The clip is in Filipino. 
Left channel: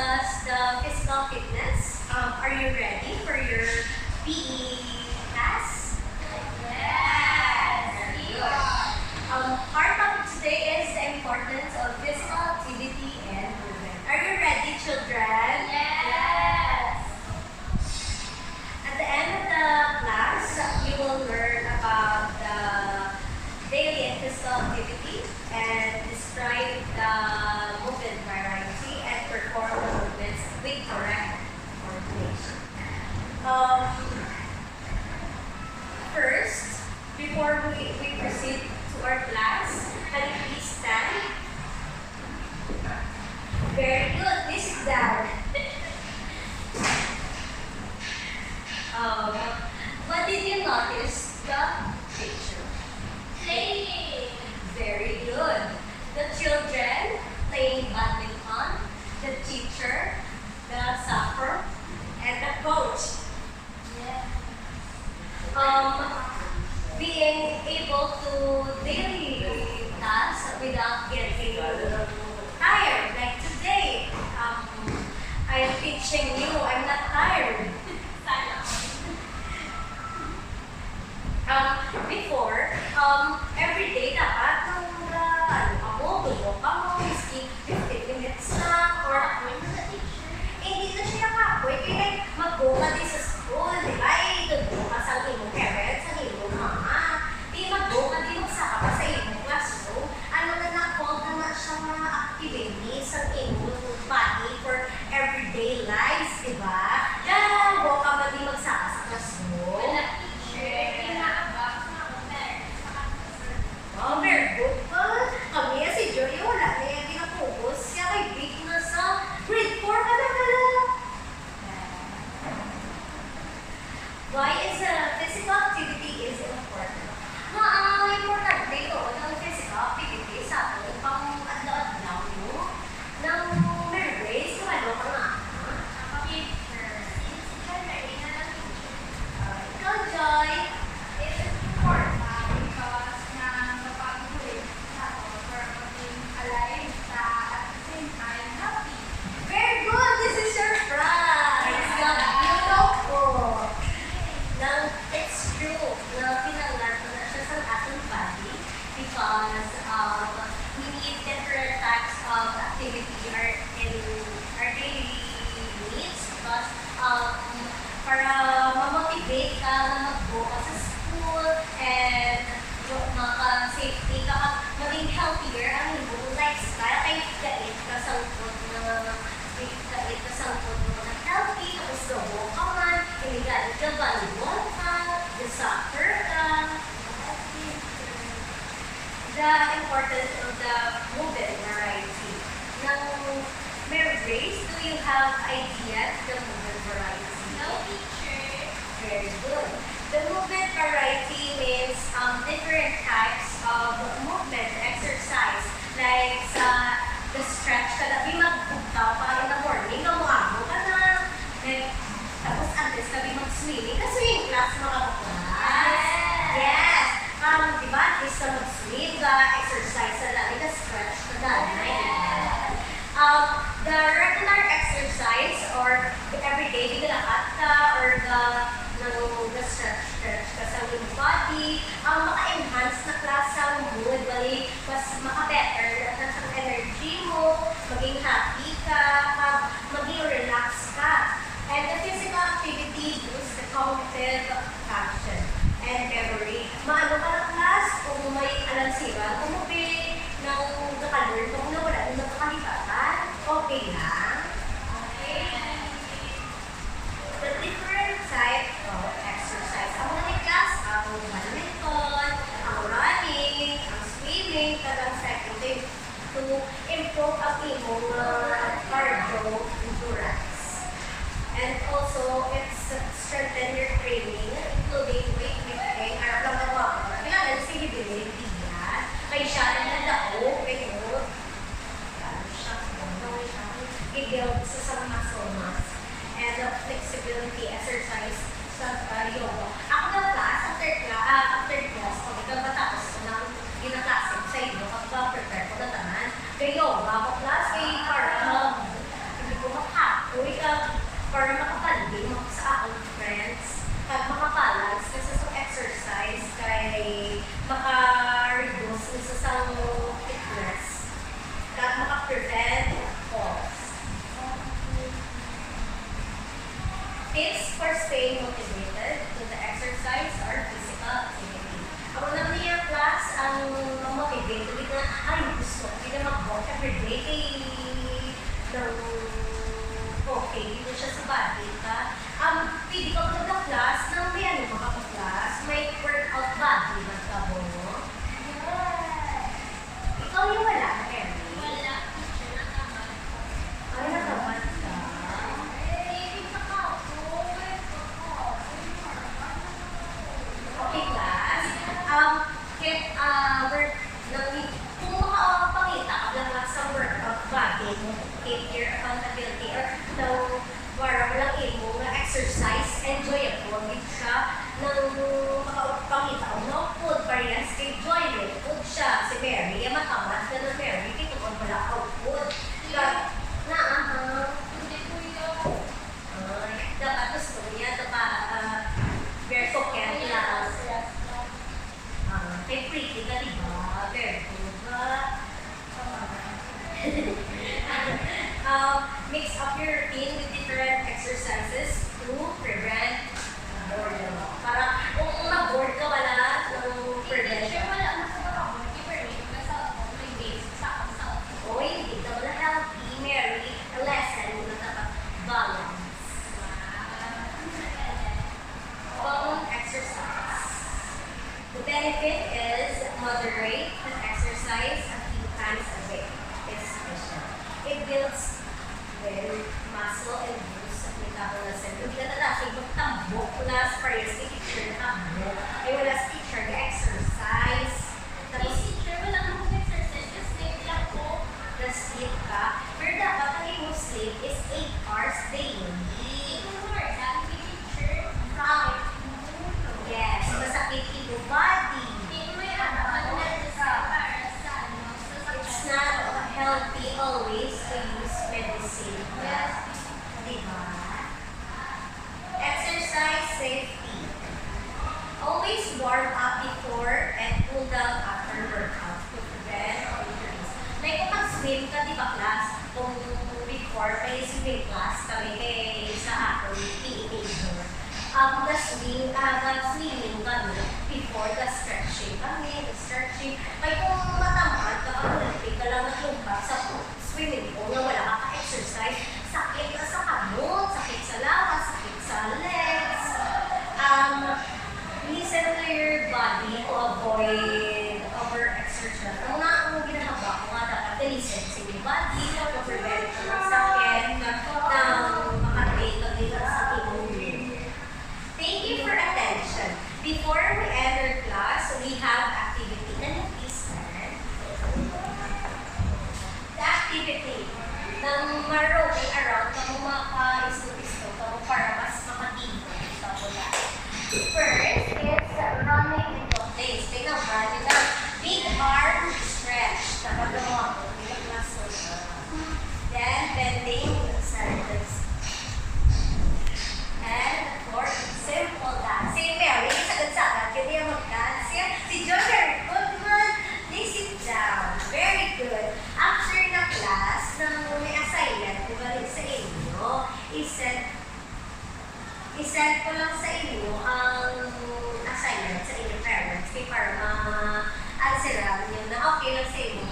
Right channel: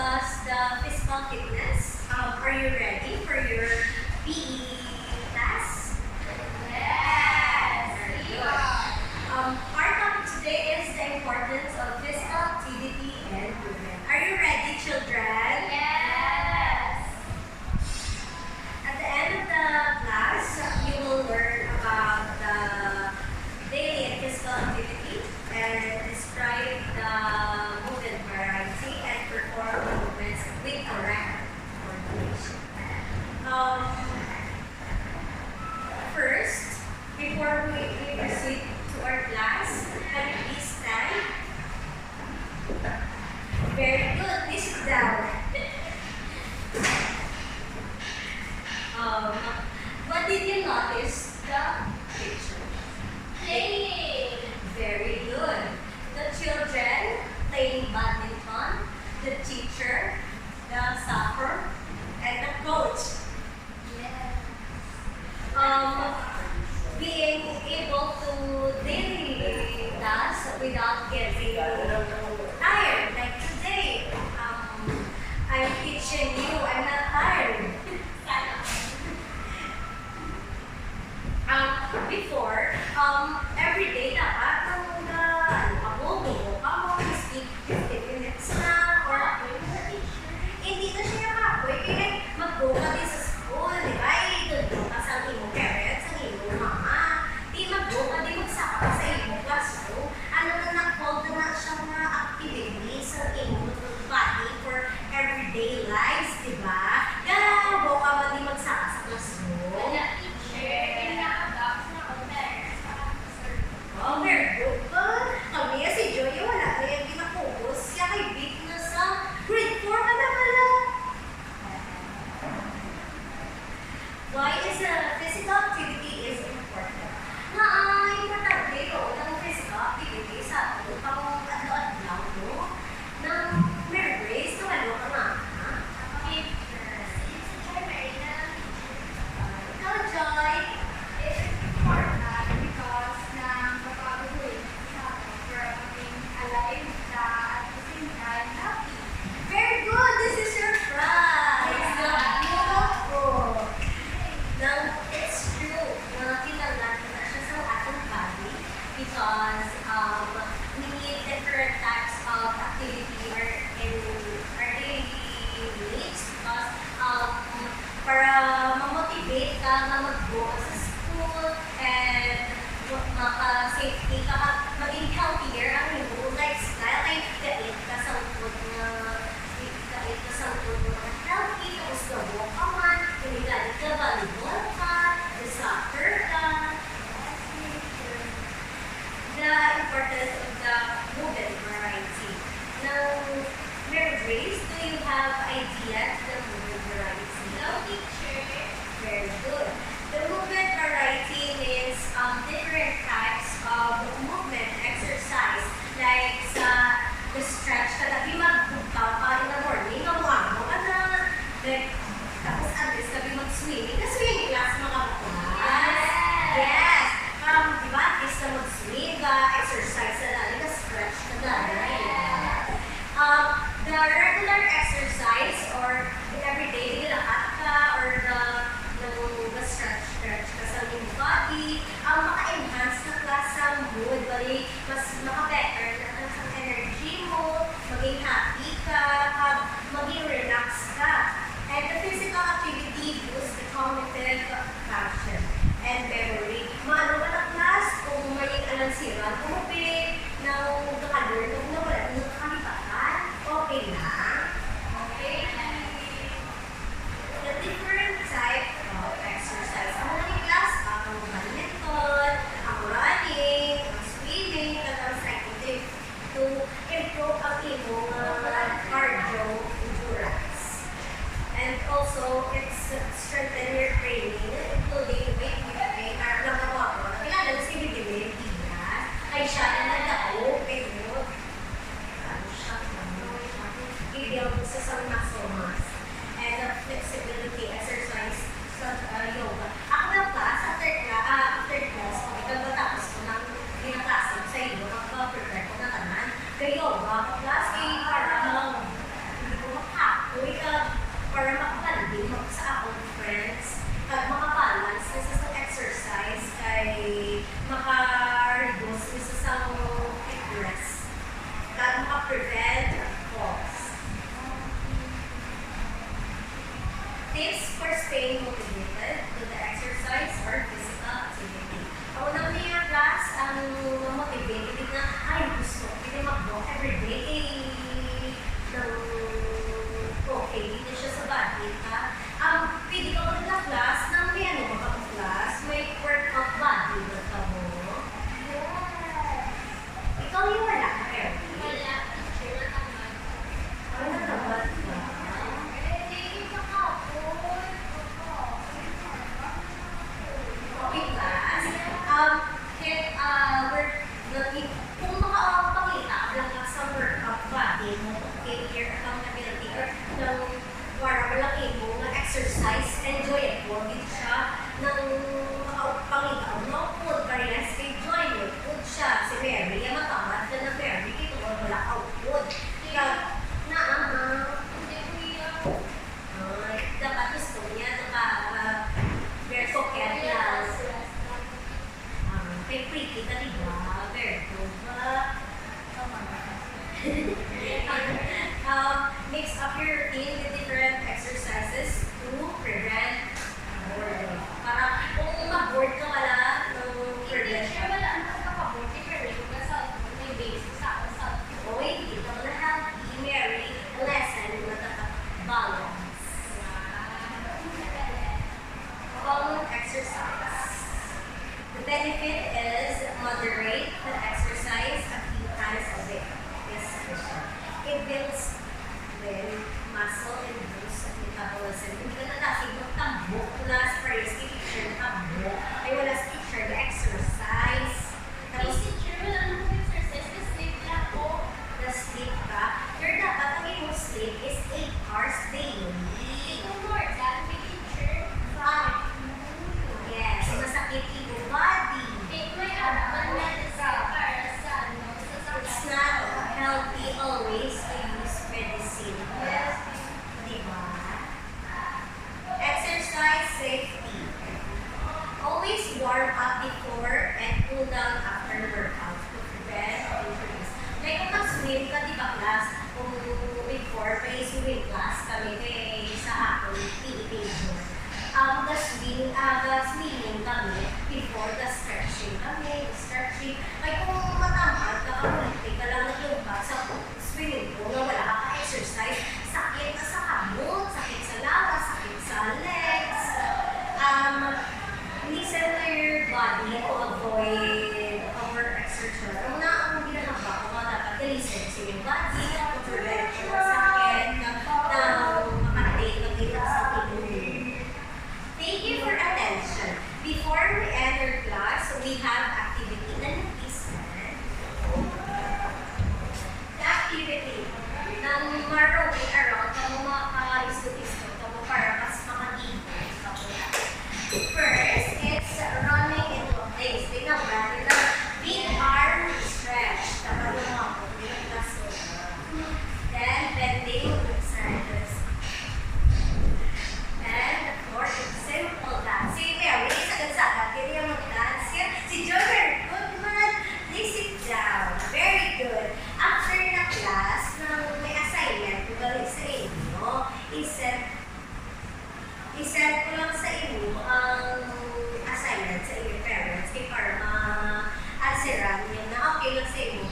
discuss the physical fitness. Are you ready for your PE class? Yes! Very good. Our topic today is the importance of physical activity and movement. Are you ready, children? Yes! At the end of the class, you will learn about the daily and physical activity and describe the movement variety and perform the movements with correct coordination. First, before we proceed to our class, can you please stand? Very good. Please sit down. What did you notice the picture? Playing! Very good. The children playing badminton, the teacher, the soccer, and the coach. Yes! Being able to daily tasks without getting tired. Like today, I'm teaching you. I'm not tired. Before, every day dapat dugo ka mo, miski 15 minutes lang, or hindi na siya nakapoy, kaya mag-go ka din sa school, di ba? Doon ka sa imong parents, sa imong mama. Di mag-go ka din magsaka pa sa imong classroom. Ano na na-call na siya mga activities sa imong body for everyday lives, di ba? Kaya go ka ba din magsaka sa classroom? Oh, very good. Kami si Joy, wala na yung ginapugos. Siya kay Vic na sa grade 4 ka na pala. Why is physical activity is important? Importante ito ng physical activity sa ato pang adlaw-adlaw mo. Nang may grace, tumalo ka nga. Ikaw, Joy. Very good. This is your prize. Beautiful. Now, it's true na kailangan na siya sa atong body because we need different types of activity in our daily needs because para ma-motivate ka na mag-go ka sa school and maka-safety ka at maging healthier ang iyong lifestyle kay kait ka sa likod na mga healthy tapos gabo ka man hindi galit ka volleyball ka soccer ka. The importance of the movement variety. Now, Mary Grace, do you have idea to the movement variety? No, teacher. Very good. The movement variety means different types of movement exercise. Like the stretch ka na, mag-bugtaw ka in the morning, gamuamo ka na. Then, tapos unless ka mag-swimming. Ka-swimming class mga baklas. Yes. Di ba? At least na mag-swim ka, exercise na lang, ka-stretch ka danay. The regular exercise or everyday nilakad ka or the stretch ka sa iyong body, maka-enhance na class sa mood, bali, mas maka-better na sa energy mo, maging happy ka, maging relax ka. And the physical activity boosts the cognitive function and memory. Maano ka na class kung may alansiran, umupi ng nakalur, kung nawala ng nakakalipatan, okay lang. Okay. The different type of exercise. Ang mga class, ang badminton, ang running, ang swimming, ang cycling to improve ang imong cardio endurance. And also, it's strengthen your training, including weightlifting, arap lang ang wako. Kailangan si Bidilin Diaz, kay siya na nagdao, kayo, i-build sa isang muscle mass. And flexibility exercise sa yoga. Ako na class, after class, kung ikaw matapos ko ng ginaklasip sa iyo, pag-prepare ko na tanan, kay yoga, class, kay para hindi ko para makabanding mo sa akong friends kag makabalance nisa sa exercise kay maka-reduce nisa sa fitness kag maka-prevent falls. Tips for staying motivated to the exercise or physical activity. Ako naman niya class ang motivate hindi na ay gusto hindi na mag-walk everyday kay ng okay dito siya sa body ka. Pwede ka ba na class nang may ano ba ka class? May workout body ba ka mo? Yes. Ikaw yung wala ka, Mary? Wala. Teacher na naman. Ay, natabad ka. Okay, class. Kung makapakita ka lang sa workout body mo, keep your accountability or para walang imo nga exercise, enjoyable din siya nang makapakita mo food variance kay joy food siya. Si Mary, yung matamad na na Mary, ito ko wala output. Hindi kuya. Dapat gusto niya ito pa very coquette lang. Kay pretty ka, diba? Very good ba? Mix up your routine with different exercises to prevent boredom. Para kung ma-bored ka wala ng prevention. Teacher, wala mo sa kabuti, pero yung nasa may basic sa akong sa Oy, hindi ka wala healthy, Mary. A lesson na dapat balance. Exercise. The benefit is moderate the exercise a few times a week. It's sufficient. It builds muscle and boosts metabolism. Hindi ka natasig magtambok wala sa parehas kay teacher na tambok. Ay wala sa teacher na exercise. Tapos teacher, wala mo exercise kasi sleep lang ko. na-sleep ka. Pero dapat ang iyong sleep is 8 hours daily. Ito more, dahil kay teacher. Yes, masakit yung body. May ano para sa ano, It's not healthy always to use medicine. Yes. Diba? Exercise safety. Always warm up before and cool down after workout to prevent injuries. Like kung mag-swim ka, di ba class? Kung before may swimming class kami sa akin, PE major. Swimming kami before stretching kami, stretching. Ay kung matamad ka, kamulitig ka lang naglumpa sa swimming pool na wala ka pa-exercise, sakit ka sa kamot, sakit sa lawas, sakit sa legs. Listen to your body to avoid over-exertion. Ang ang ginagawa ko nga dapat listen sa your body, to prevent ka ng sakit, ng makatake ka din sa immune. Thank you for attention. Before we enter class, we have activity. Can you please stand? The activity ng maroaming around kung maka-isto-isto para mas makatibo sa wala. First, it's running into a place. Tingnan ba? Big arm stretch. Dapat yung mga pumilang muscle. Then, bending to the sides. And the fourth is simple dance. Si Mary, sagad-sagad. Kaya mag-dance yan. Si John, very good man. They sit down. Very good. After na class, nang may assignment, ibalik sa inyo, i-send ko lang sa inyo ang assignment sa inyong parents kay para ma-answeran nyo na okay lang sa inyo